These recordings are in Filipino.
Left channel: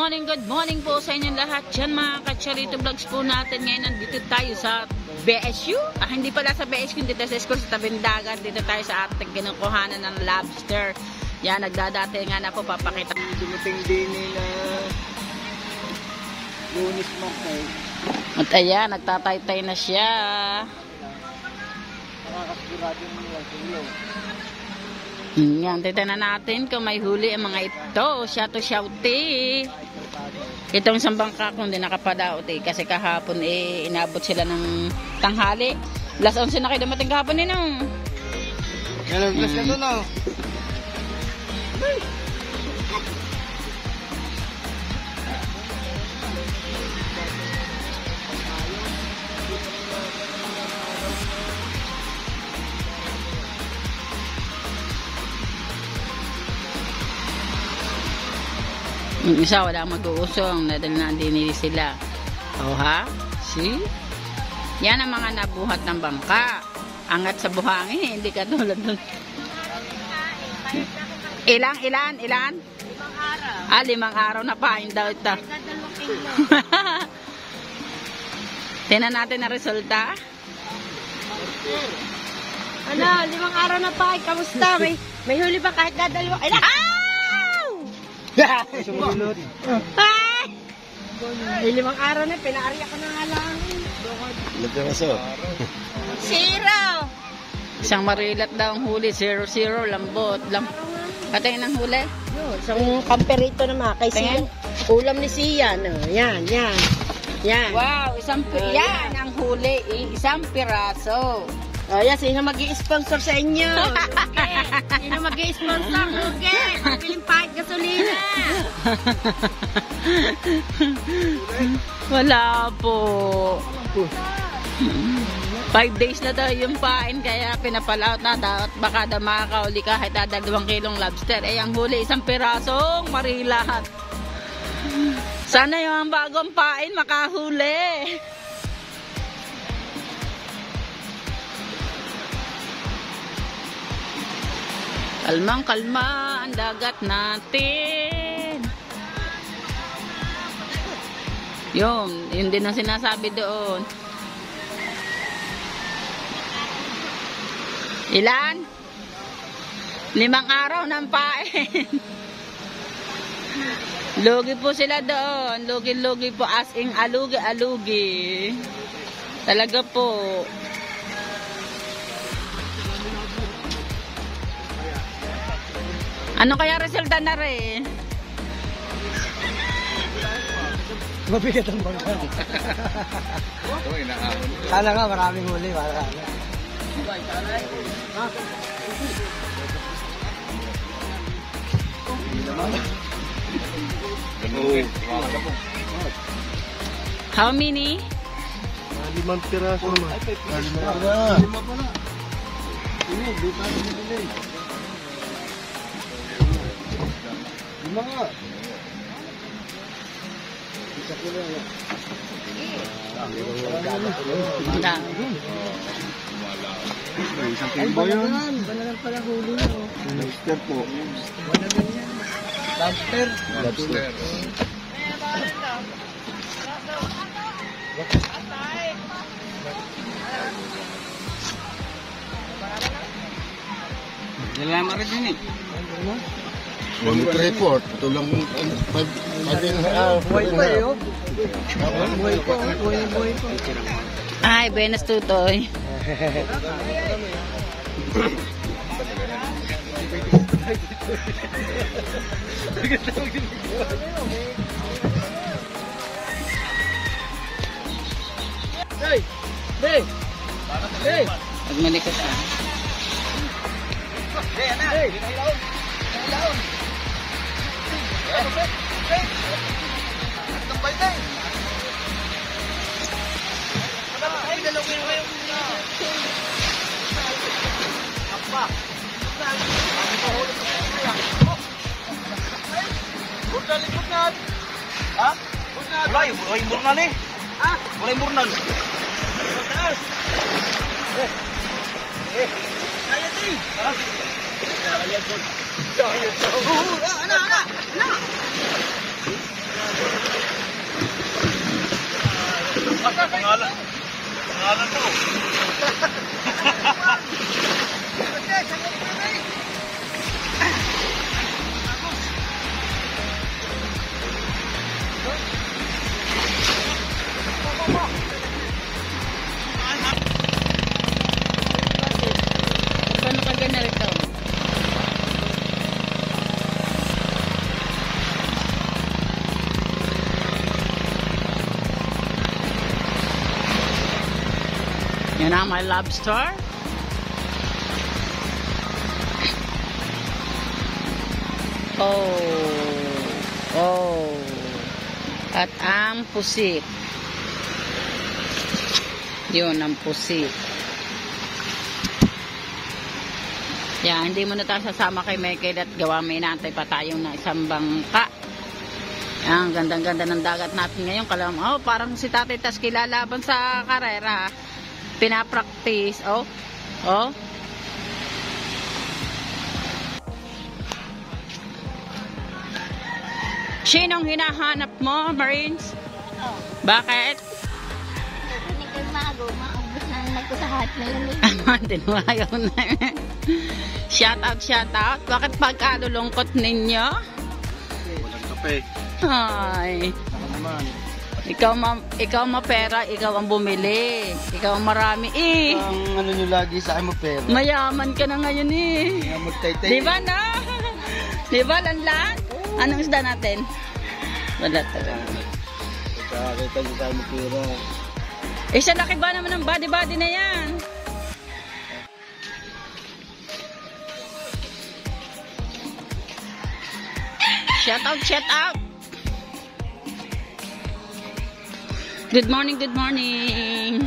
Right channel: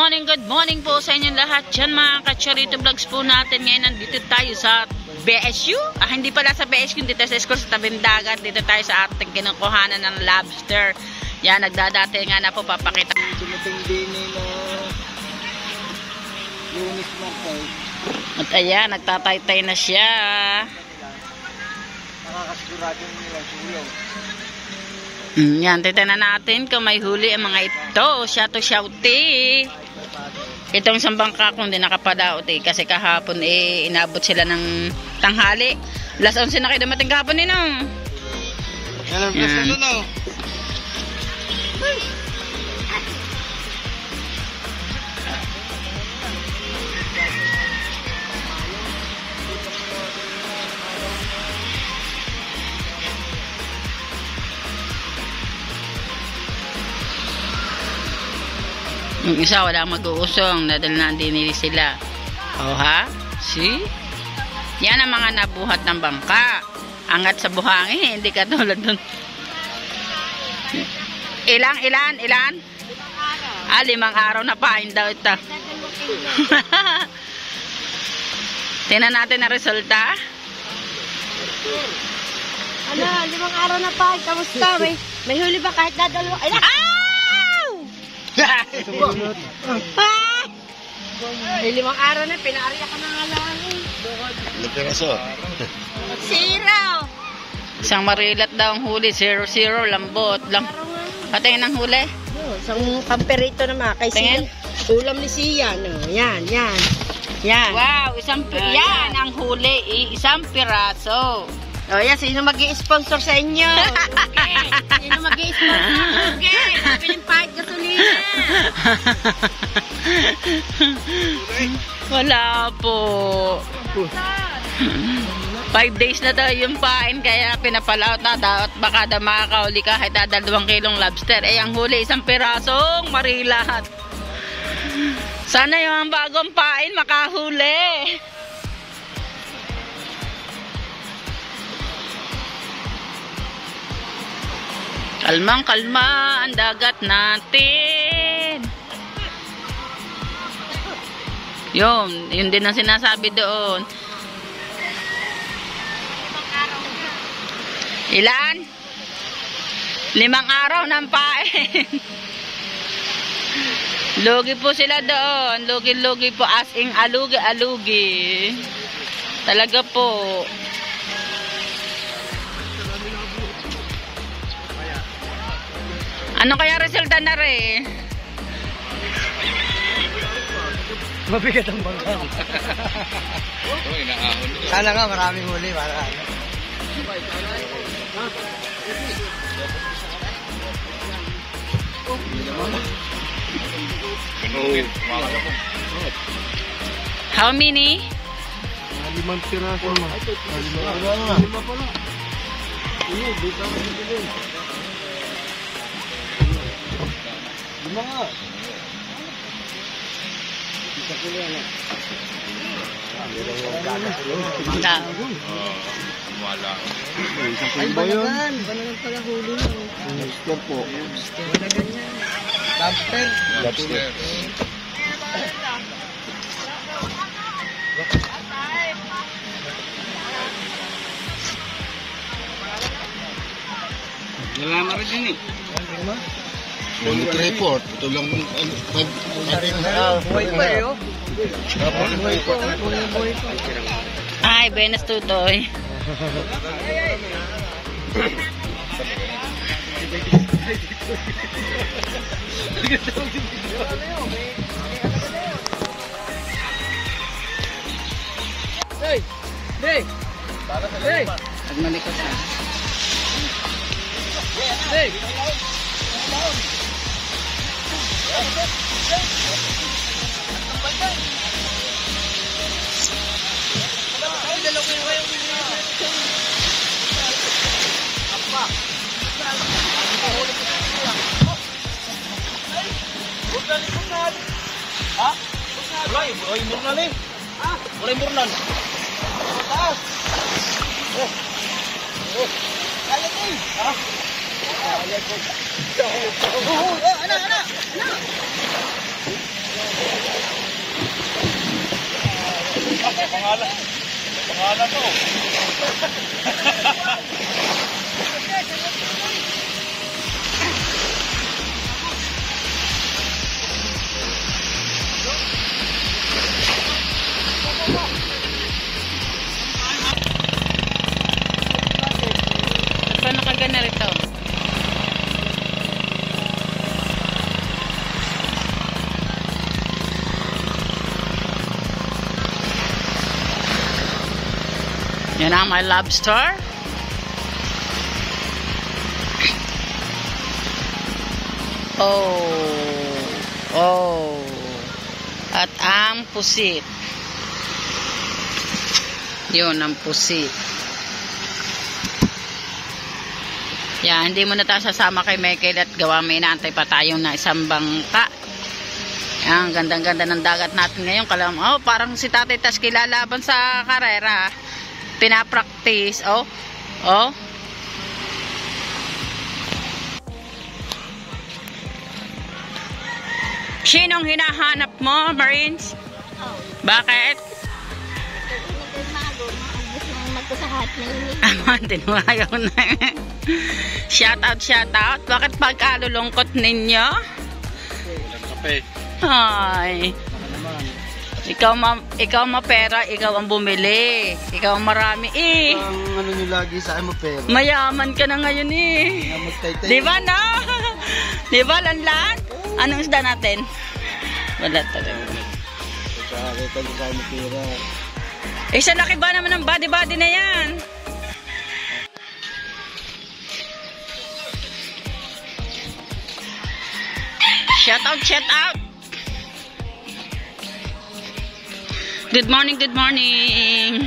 good morning po sa inyong lahat dyan mga ka-Chorito Vlogs po natin. Ngayon nandito tayo sa BSU. Hindi pala sa BSU, dito sa school sa tabing dagat. Dito tayo sa ating kinukuhanan ng lobster. Yan, nagdadati nga na po, papakita. Dumating din na Lunis Martay. At ayan, nagtataytay na siya. Nakakasigurado nila suyo. Yan, titignan natin kung may huli ang mga ito. Shouty. Itong isang bangka kung hindi nakapadaot kasi kahapon inabot sila ng tanghali. Alas 11 na kayo dumating kahapon Alam ko sa no. Yung isa wala mag-uusong dahil nandinili sila. Oh ha? See? Yan ang mga nabuhat ng bangka. Angat sa buhangin, hindi ka tulad dun. Ilan? 5 araw. 5 araw na pain daw ito. Tingnan natin ang resulta. Ano, 5 araw na pain. Kamusta? May huli ba kahit dadalawa? Ay, Sumunod. may 5 araw na, pinaarya ka na nga lang. Lupiraso. 0. Isang marilat daw ang huli. 0-0, lambot. Patingin ang huli. Isang kamperito naman. Kay Tingin. Ulam ni Sia. No? Yan. Yan. Wow, yan ang huli. Isang piraso. O yan, sino mag-i-sponsor sa inyo? Okay. Sino mag-i-sponsor? Okay. Piling pahit gasolina. Wala po. 5 days na daw yung pain kaya pinapalaot na daw at baka daw makakauli kahit 2 kilong lobster. Ang huli isang pirasong marilat. Sana yung bagong pain makahuli. Kalmang-kalma ang dagat natin. Yun din ang sinasabi doon. Ilan? 5 araw ng pain. Lugi po sila doon. Lugi-lugi po as in alugi-alugi. Talaga po. Ano kaya resulta na rin? Mabigat ang bangka. Sana nga maraming huli. How many? 5 piraso. 5 pala. 5 nga. Isa ko lang. Ay, banagan. Banagan pala huli mo. Lobster po. Banagan yan. Lobster. Nalaman rin din Bonus report. Ito lang buhay pa yun. Buhay pa. Ay, Benes Tutoy. Hey! Pag malikot ka. Hey! Paano ka gana rito? Yan ang my lobster. Oh. At ang pusit. Yun ang pusit. Yan, hindi mo na tayo sasama kay Michael at gawa may inaantay pa tayong na isang bangka. Yan, gandang-ganda ng dagat natin ngayon. Parang si Tatay Tas kilalaban sa karera. Pinapractice. Oh. Sinong hinahanap mo, Marines? Bakit? Tinuwayaw na. Shout out. Bakit pagkalulungkot ninyo? Walang kape. Ay. Ikaw mapera, ikaw ang bumili. Ikaw ang marami eh. Ang ano nyo lagi sa akin mo pera. Mayaman ka na ngayon eh. Di ba na? Di ba, Lanlan? Anong isda natin? Wala talaga. Kita nyo sa akin mo pera. Sa laki ba naman ng body na yan? Shout out. Good morning. Good morning.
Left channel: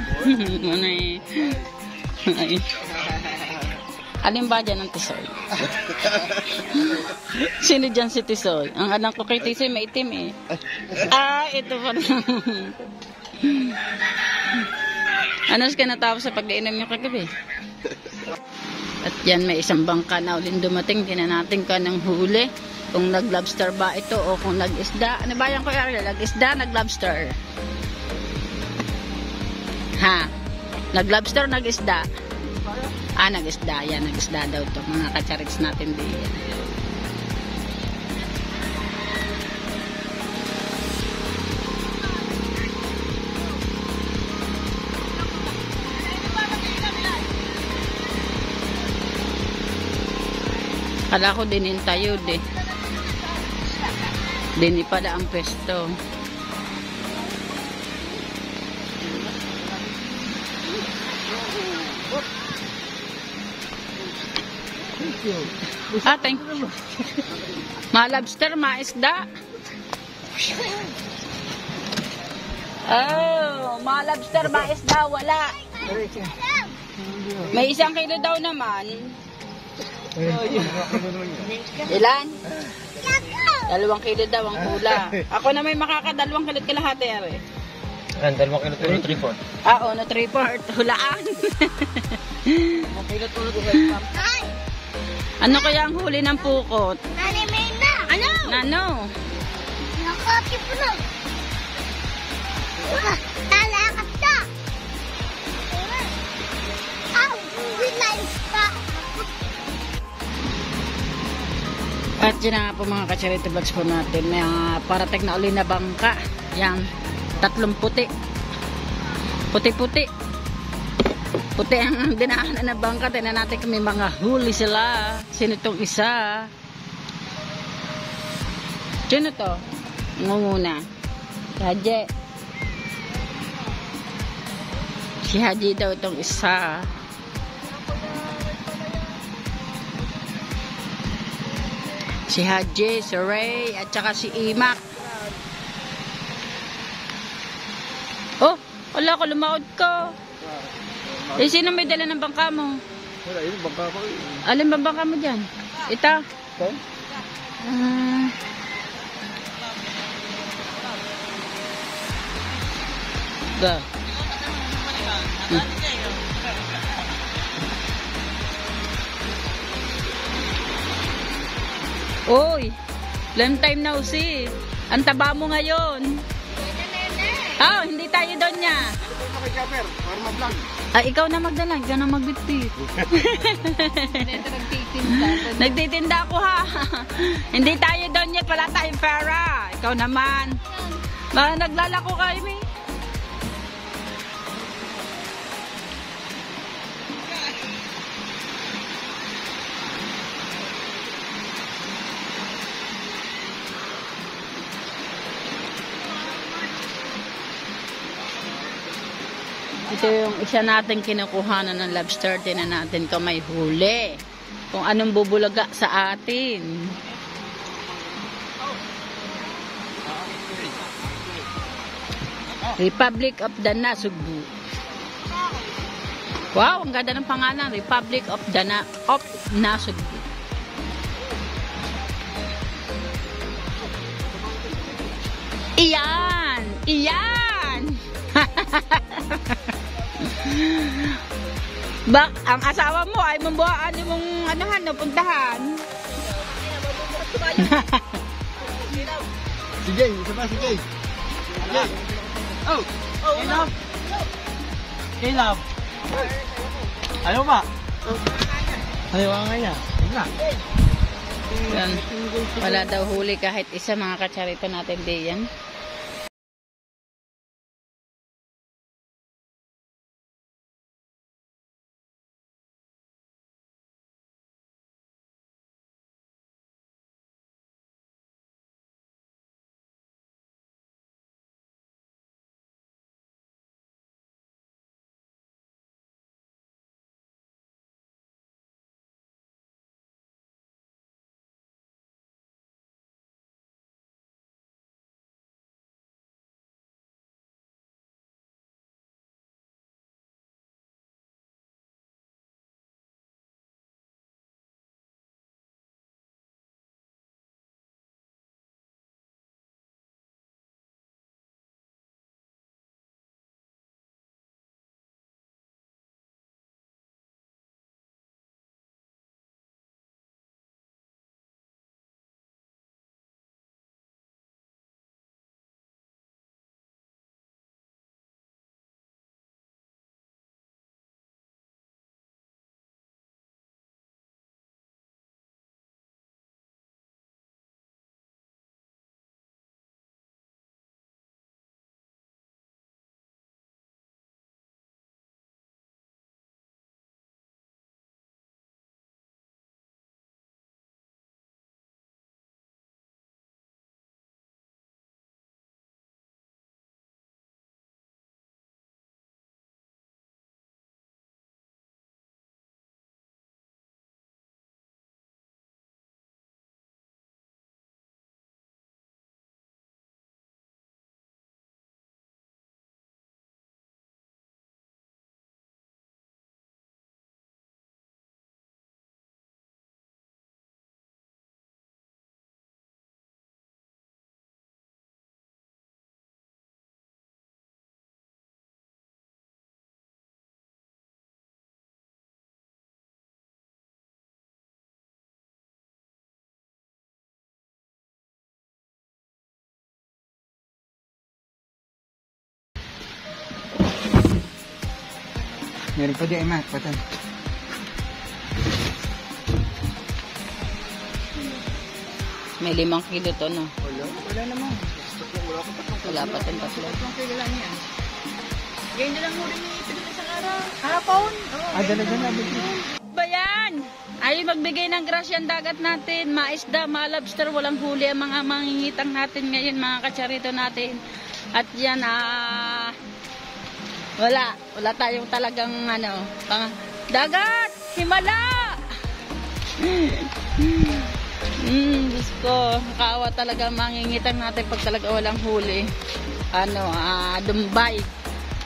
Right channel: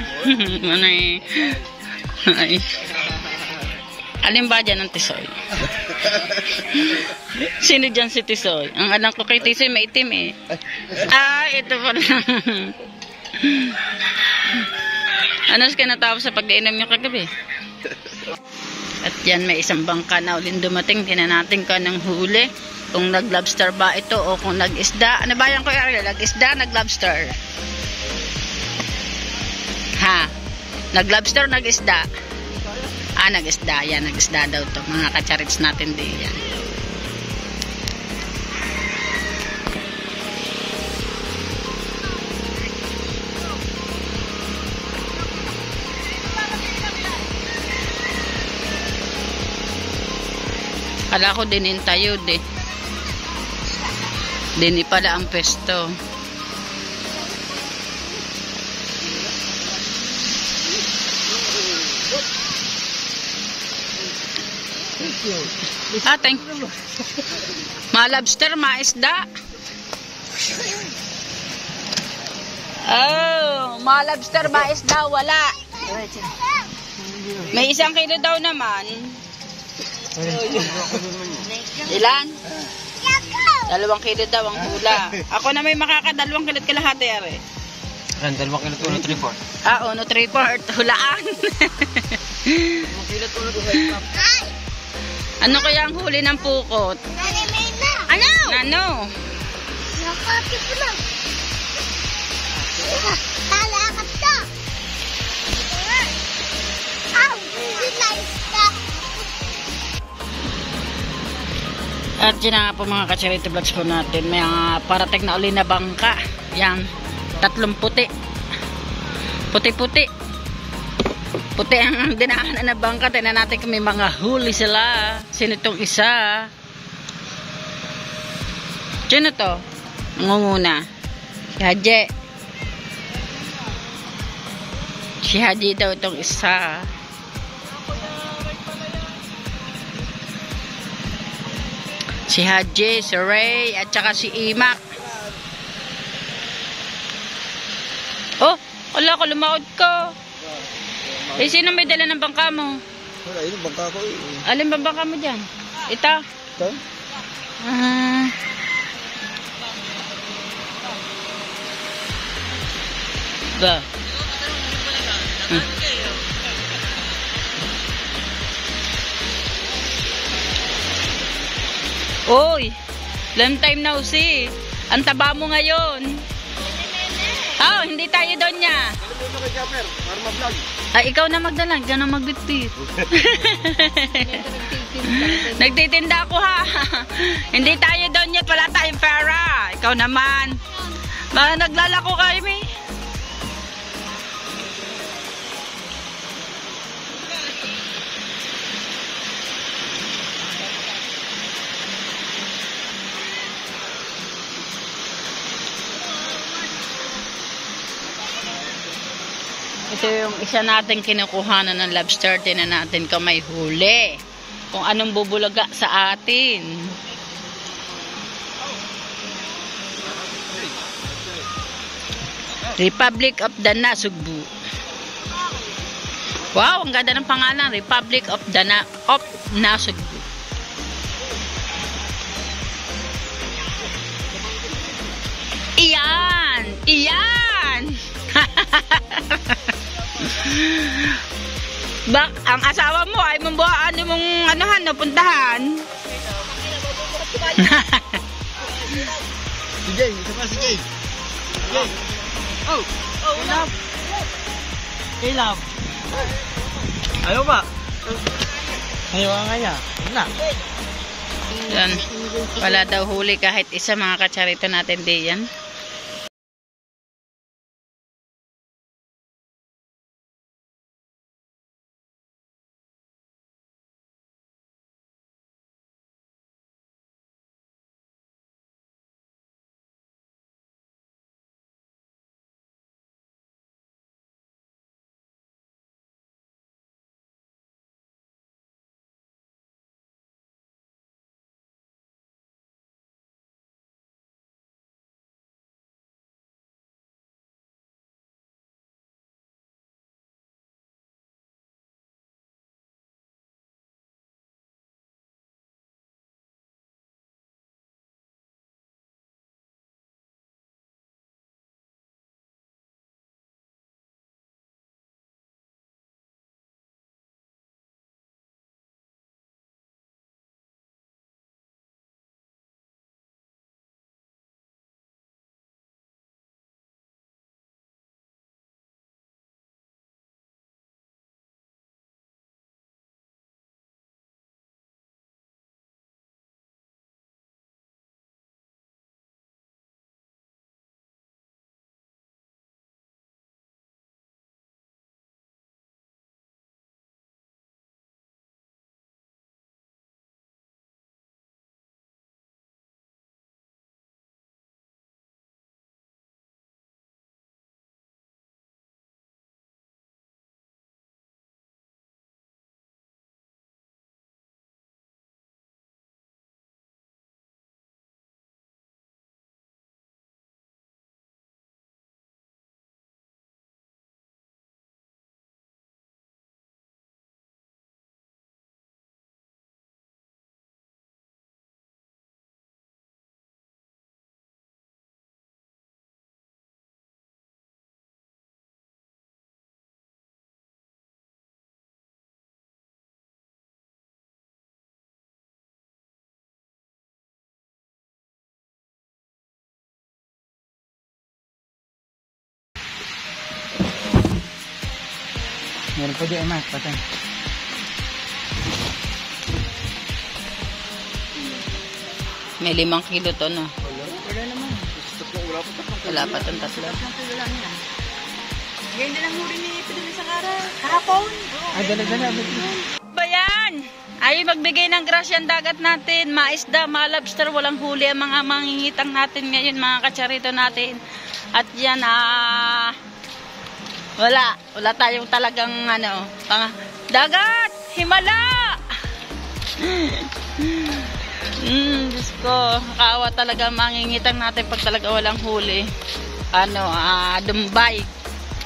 Ay. Alin ba dyan ang Tisoy? Sino dyan si Tisoy? Ang alam ko kay Tisoy may itim eh. Ito pala. Ano ka natapos sa pag-iinom niyo kagabi? At yan, may isang bangka na ulit dumating. Tinan natin ka ng huli. Kung nag-lobster ba ito o kung nag-isda. Ano ba yan ko, Ariel? Nag-isda, nag-lobster? Ha? Nag-lobster, nag-isda? Nag-isda. Yan, nag-isda daw to. Mga kacharits natin di yan. Kala ko din tayo de. Dini pala ang pesto. Thank you. Ma-lobster, ma-isda. Ma-lobster, ma-isda, wala. May 1 kilo daw naman. Ilan? 2 kilo daw ang hula. Ako na may makaka 2 kilo't kalahati, are. 2 kilo 3/4. No 3/4. Hulaan. 1 kilo to. Ano kaya ang huli ng pukot? Ano? At yun na nga po mga ka-charity vlogs po natin. May parating na uli na bangka. Yan. 3 puti. Puti-puti. Puti ang dinaanan na bangka. Tignan natin kung may mga huli sila. Sino itong isa? Sino to? Ngunguna. Si Haji. Si Haji daw itong isa. Si Haji, si Ray, at saka si Imak. Wala ko, lumaod ko. Sino may dala ng bangka mo? Wala, yun bangka ko eh. Alin ba bangka mo dyan? Ito? Ito? Ba? Oy, long time now see. Ang taba mo ngayon. Oh, hindi tayo doon niya. Ay, ikaw na magdala. Ikaw na magbitbit. Nagtitinda ako ha. Hindi tayo doon niya. Wala tayong pera. Ikaw naman. Baka naglalako kayo, may. Ito yung isa natin kinukuhanan ng lobster. Tinan natin kung may huli. Kung anong bubulaga sa atin. Republic of the Nasugbu. Wow, ang ganda ng pangalan. Republic of the Nasugbu. Iyan! Iyan! Bak, ang asawa mo ay mambuhaan mong anuhan, napuntahan. Si Jay, isa pa si Jay. Oh, hey love. Hey love. Ayaw ba? Ayaw nga niya. Na. Yan. Wala daw huli kahit isa, mga katsarito natin diyan. Meron pa di ama, patay. May 5 kilo to, no? Wala naman. Wala pa itong 3. Ngayon na lang huli ni Pedro sa kara. Kahapon. Dala-dala. Ba yan? Ay, magbigay ng grasya ang dagat natin. Maisda, malobster, walang huli ang mga mangingitang natin ngayon, mga katsarito natin. At yan, wala tayong talagang dagat, himala. Diyos ko, nakaawa talaga mangingitang natin pag talaga walang huli.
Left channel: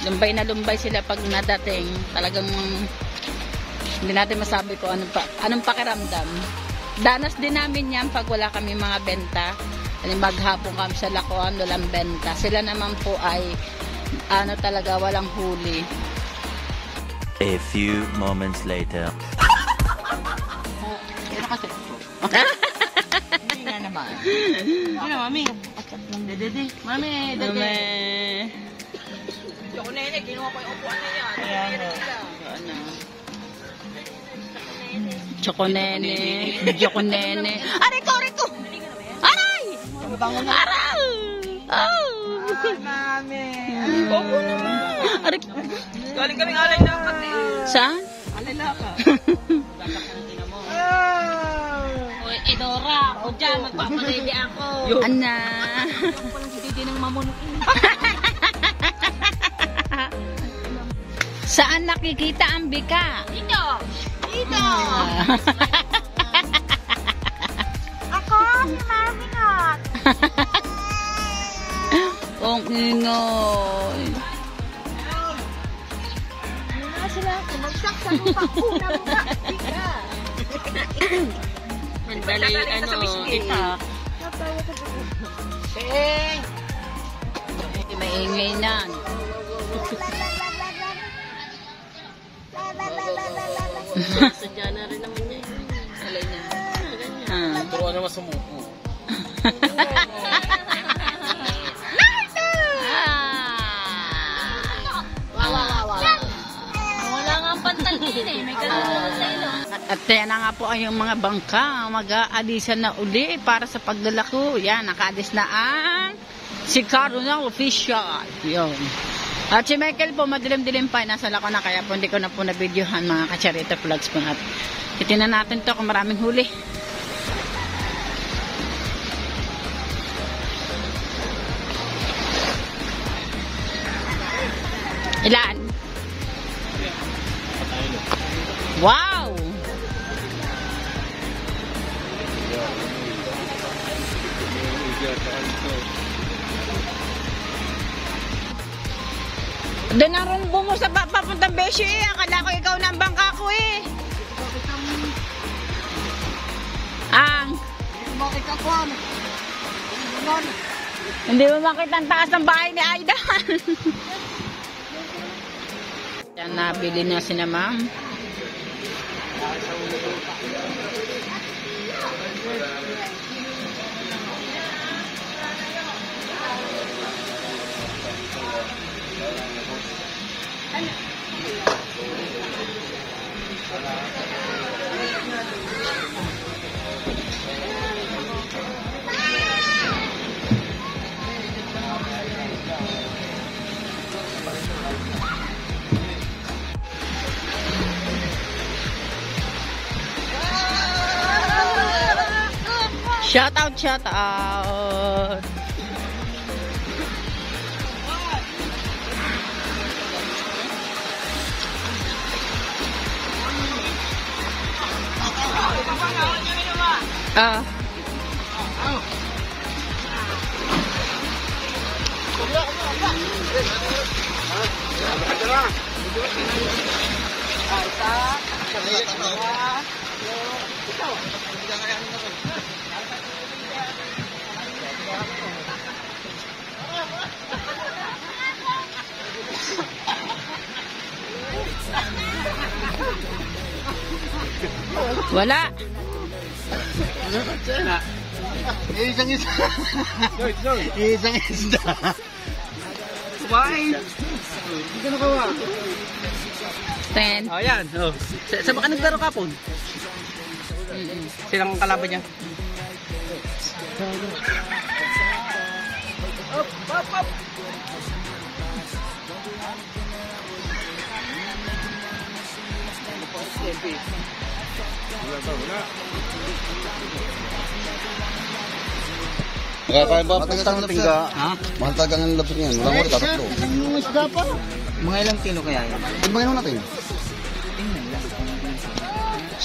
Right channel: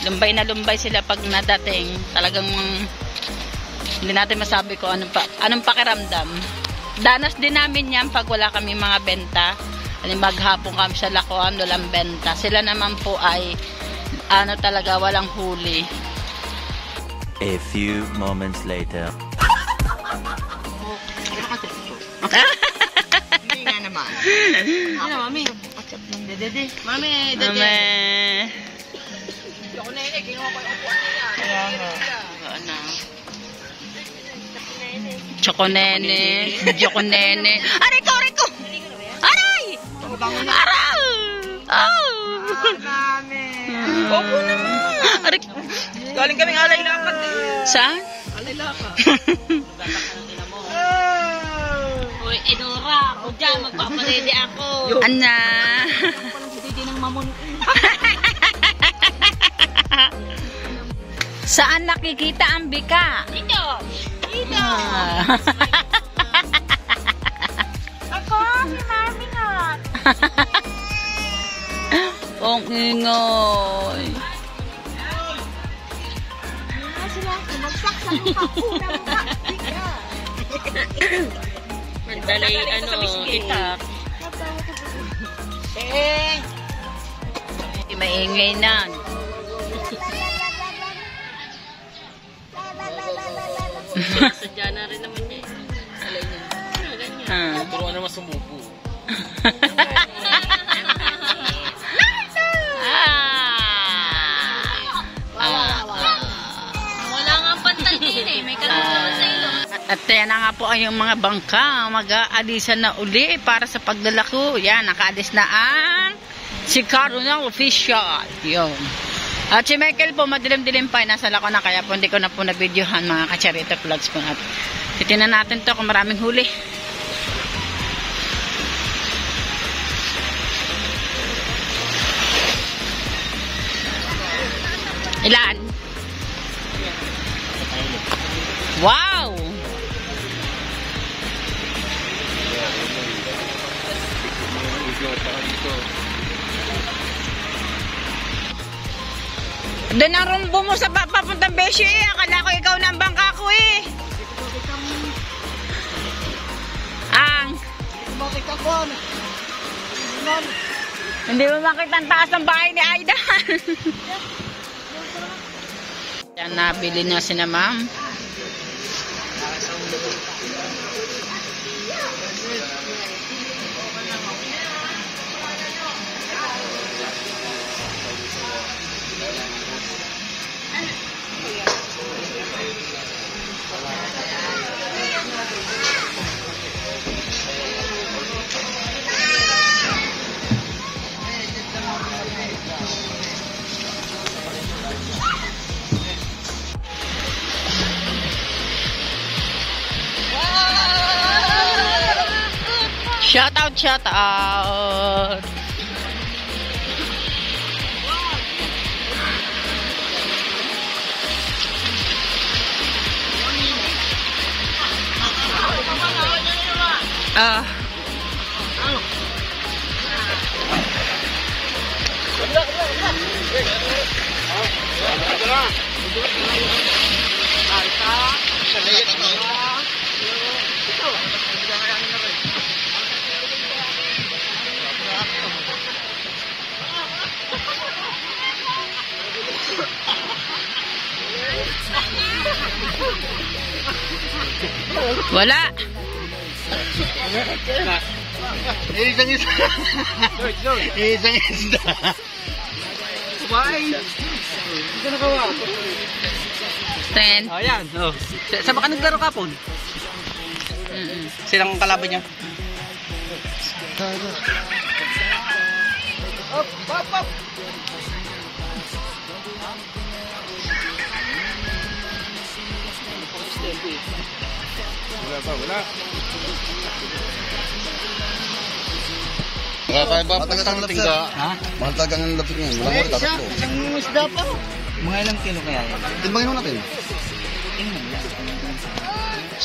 Lumbay na lumbay sila pag nadating. Talagang hindi natin masabi ko anong pakiramdam. Danas din namin yan pag wala kami mga benta. Maghapon kami sa lakuan, walang benta. Sila naman po ay talaga walang huli. A few moments later. Hindi nga naman. Ano, mami? Mami, dede. Ako na yun, kinuha ko yung upuan niya. Kaya nga. Ano? Chokonene. Chokonene. Aray ko, aray ko! Aray! Aray! Oh! Opo naman. Aray. Galing kaming alay lapat eh. Saan? Alay lapat. Uy, Edora, ako dyan, magpaparedy ako. Ana. Ako palang si Didi ng mamon ko. Saan nakikita ang bika? Dito! Dito! Ako, si Mami Nat. Ang ingay. Sila, kumagsak sa Nagbalay, ano, kita. Maingay na. Sadya na rin naman yun. Alay niya. Turuan naman sumuko. Wala nga ang pantal din eh. May kaluluwa sa ilo. At yan na nga po ay yung mga bangka. Mag-aalisan na uli para sa paglalako. Yan, nakaalis na ang si Caronel Official. Yun. At si Michael po, madilim-dilim pa. Nasa lako na kaya po hindi ko na po na-videohan mga kacharito vlogs po. At titignan natin to kung maraming huli. Ilan? Wow! Doon ang rumbo mo sa papuntang Beshi eh. Akala ko ikaw na ang bangka ko eh. Ang? Hindi mo makita ang taas ng bahay ni Aida. Yan, nabili na si na ma'am. Shout out, shout out. Wala. Isang isda. Isang isda. Bye. Ito na kawa. 10. Ayan. Oh. Sa baka naglaro kapon? Silang kalaban niya. Kaya ba matagang lapsa? Ha? Matagang lapsa niyan. Walang ulit, tatlo. Ang isda pa. Mga ilang kilo kaya yan? Timbangin mo natin.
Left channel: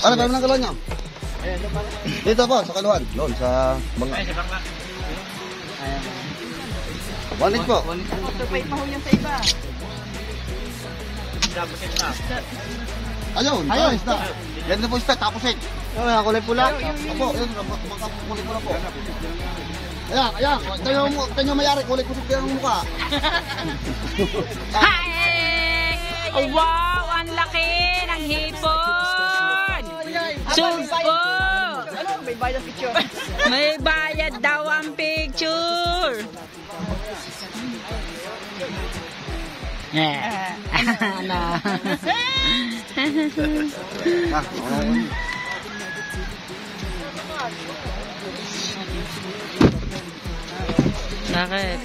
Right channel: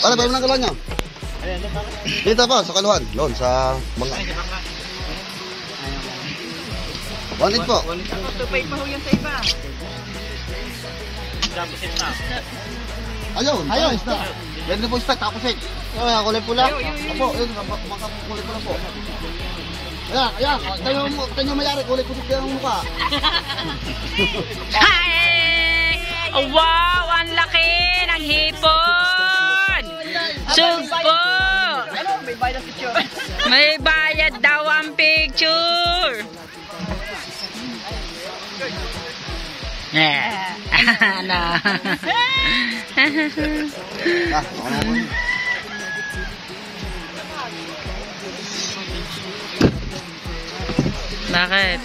Ano ba yung nang niya? Dito pa, sa kaluhan. Doon, sa mga... Bandig po. Tupay pa ho yun sa iba. Ayun, ayun, isda. Yan na po isda, tapos eh. Yung kulay pula. Opo, yun, kulay pula po. Ayan, tanyo mayari, kulay kusip yan ang mukha. Hi! Oh, wow! Ang laki ng hipon! Sugpo! May bayad daw ang picture! Ano? Bakit?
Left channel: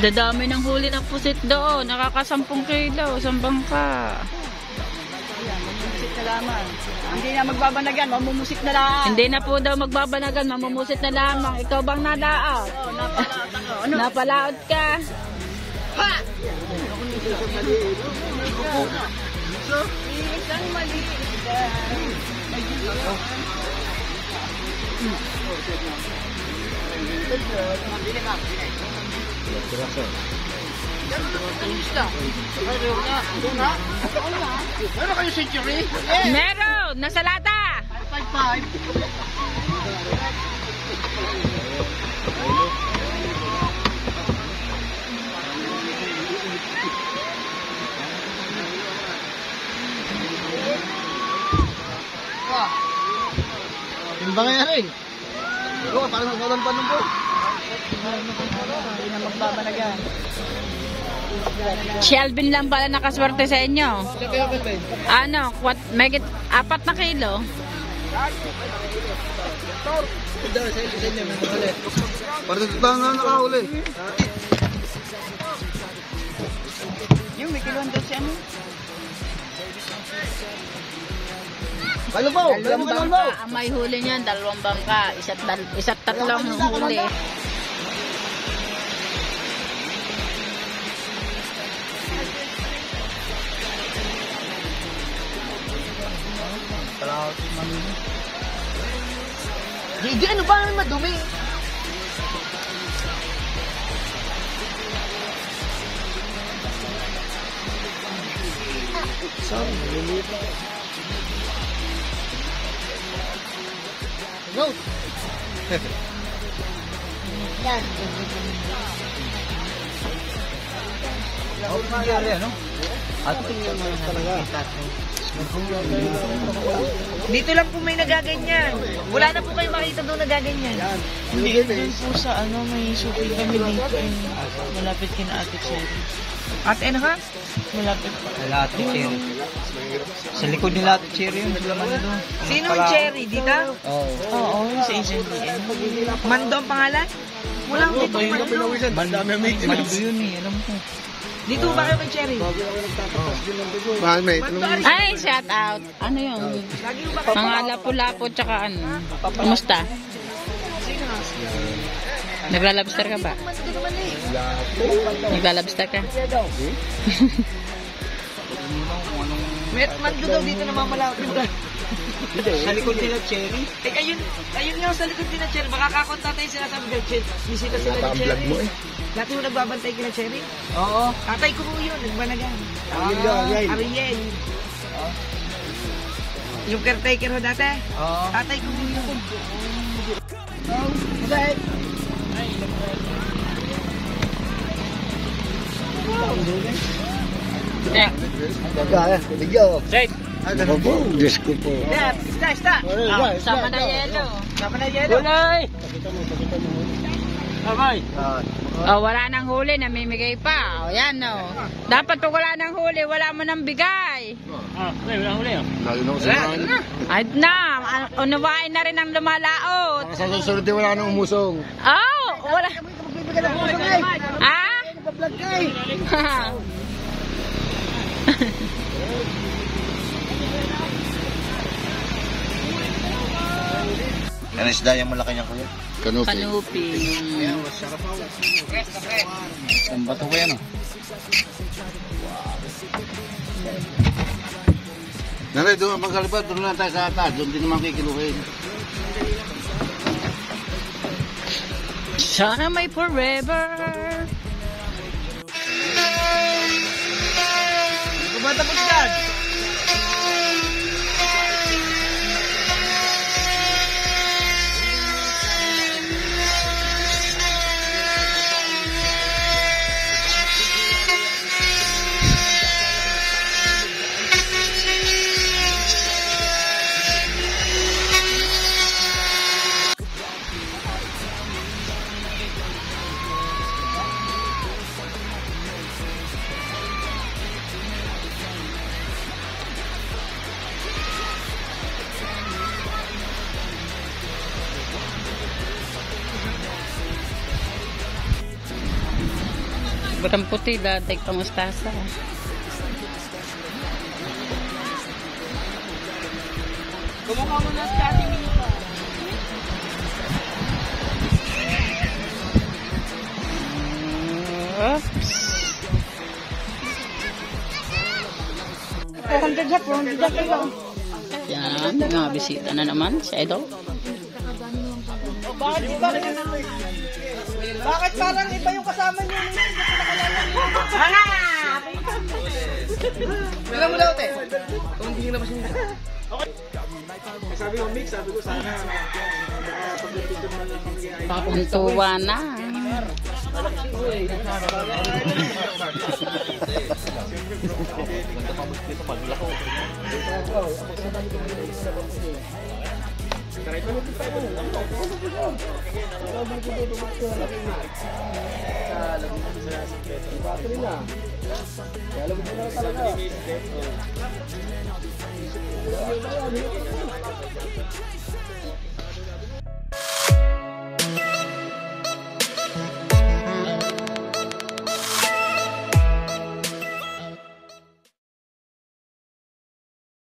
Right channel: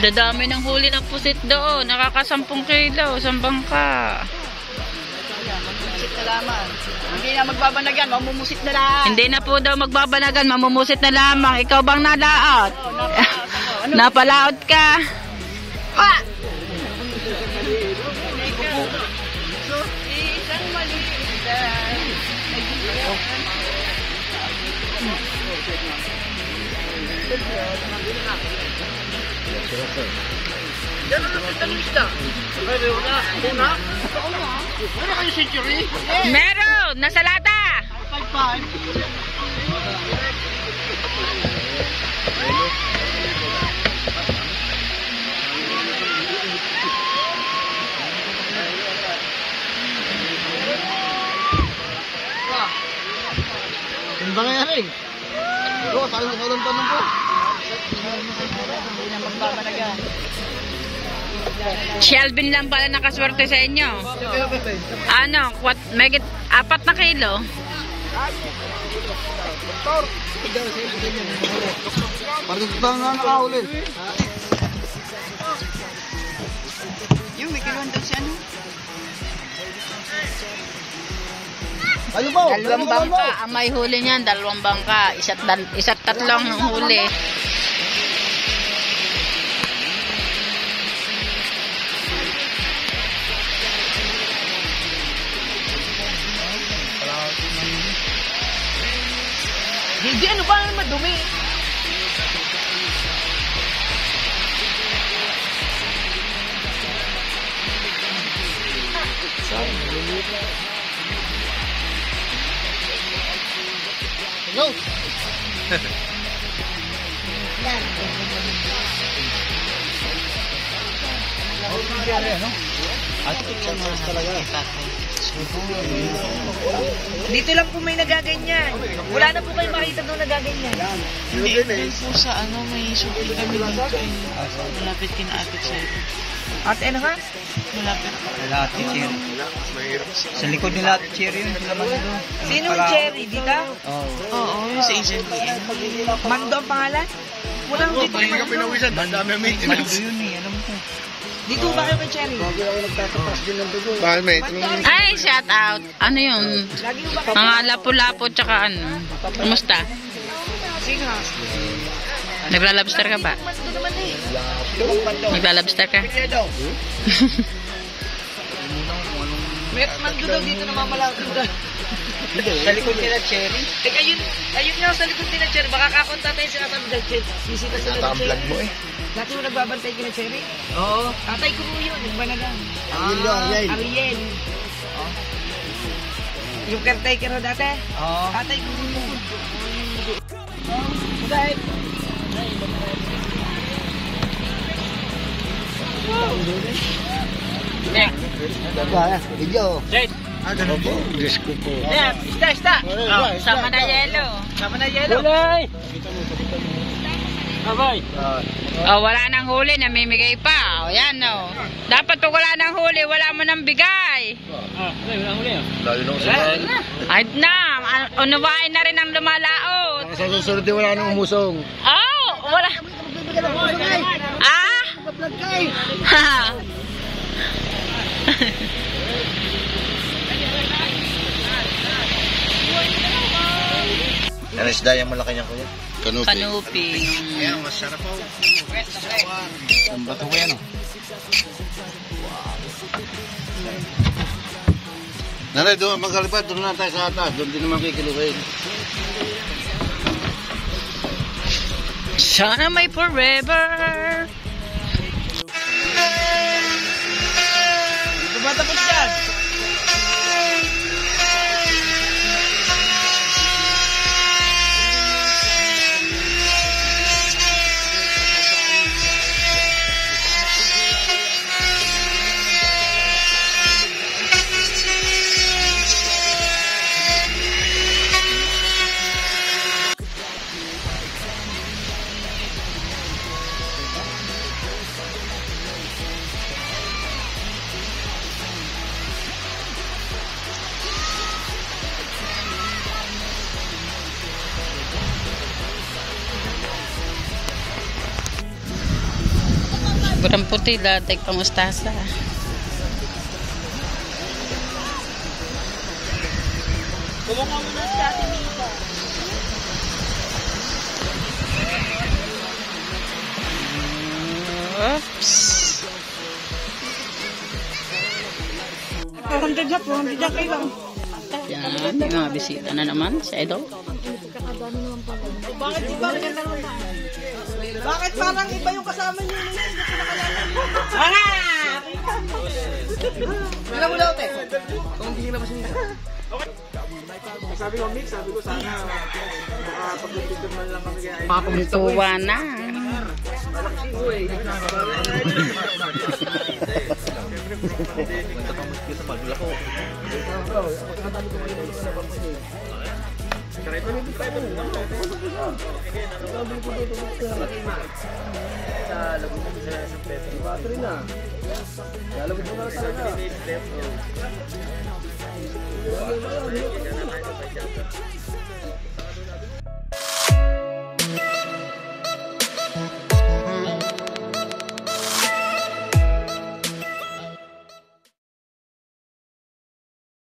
Dadami ng huli ng pusit doon. Nakakasampung kilo. Sambang ka. Musit na lamang. Hindi na magbabanagan, mamumusit na lang. Hindi na po daw magbabanagan. Mamumusit na lamang. Ikaw bang nalaot? Napalaot ka. Ha! Isang maliit. Meron! Nasa lata! Timbang nga rin. Oo, tayo nalang tanong po. Shelvin lang pala nakaswerte sa inyo. Ano? 4 na kilo? Para sa tutang nga nakahuli. Yung may kilon daw si ano? Ano po? Dalawang bangka. Ang may huli niyan, 2 bangka. Isa't 3 huli. Hindi, ano ba ang madumi? Go! Dito lang po may nagaganyan. Wala na po kayo makita doon nagaganyan. Hindi. Sa ano, may shopping kami dito. Malapit kina Ate Cherry. Ate ano ka? Malapit. Ate Cherry. Sa likod nila Ate Cherry yun. Sino yung Cherry? Di ka? Oo. Oo, yun sa HMBN. Mando ang pangalan? Wala akong dito Pahinga Mando. pinawisan. Dami ang maintenance. Ito yun eh. Alam ko. Dito ba kayo kay Cherry? Bakit maintenance? Ay, shout out. Ano yun? Mga lapu-lapu tsaka ano? Kumusta? Naglalabster ka ba? Naglalabster ka? Mando daw dito na mamalaki ba? Sa likod nila Cherry. Ayun nga sa likod nila Cherry. Baka kakonta tayo sila sa vlog. Bisita sila ng Cherry. Vlog mo eh. Dati mo nagbabantay kila Cherry? Oo. Tatay ko po yun, nagbanagan. Ariel. Ariel. Yung caretaker ho dati? Oo. Tatay ko po yun. Kaya, video. Right. Diyos ko po. Isda. Sama na yelo. Sama na yelo. Kulay! Bye-bye. Oh, wala nang huli, namimigay pa. O, yan, no. Dapat pag wala nang huli, wala mo nang bigay. Wala huli ah. Layo na ko sa Ay na, unawain na rin ang lumalaot. Sa susunod din wala nang umusong. Oh, wala. Ah? Ha. Ano isda yung malaki niya kuya? Kanupi. Kanupi. Ang bato ko yan oh. Naray, doon magkalipat, doon na tayo sa atas. Doon din naman kikiluhin. Sana may forever. Tumatapos yan. Burang puti, dadag pangustasa. Oops. 400 na kayo. Yan, may mga bisita na naman sa Idol. Bakit parang iba yung kasama niyo? Wala mo daw, te. Kung hindi ka na pa siya. Sabi ko, Mick, sabi ko sana makapag-picture man lang kami kaya. Papuntuwa na.